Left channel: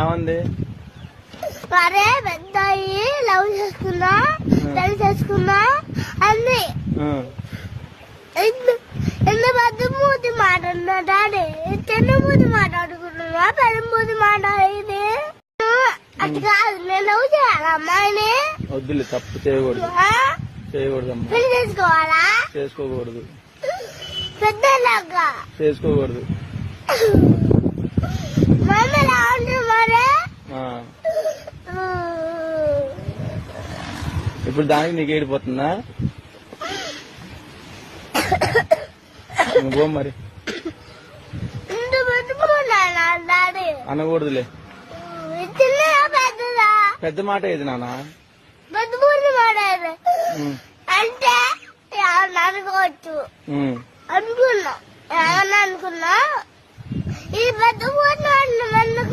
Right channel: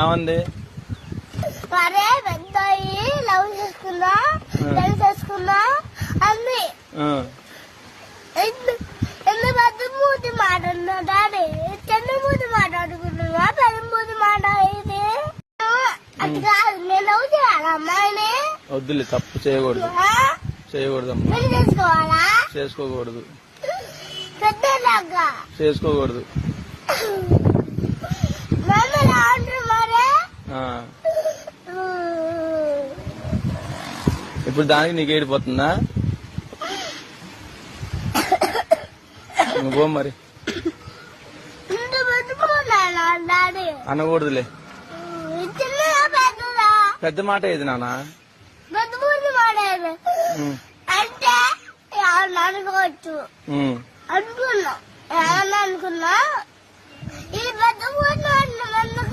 ఏమంది? అరే పెద్దాయి లవ్ చేసుకున్నా అన్ని ఎన్ని బద్దమూతి మాట్లాడినా డాడీ చెన్నమూతి మాట్లాడుకున్నా పెద్దమూతి మాట్లాడేది అది కాదు. నేను లవ్ చేయాలా అమ్మాయిని? వద్దులే, తప్పు చేయకూడదు. చేయకూడదమ్మా. పెళ్లి చేసుకోవాలా? చేసుకోకూడదు. పెద్దలాగా చేసుకోకూడదు. మరి ఇప్పుడు దానికి నీకు ఏడిపోతుందా? నువ్వు మరి అనకూడదులే. పెద్ద మాట ఏది నాన్న? అంటే అనుకోవచ్చు అనుకున్నా ఏమన్నా అనుకున్నా ఈ పెద్ద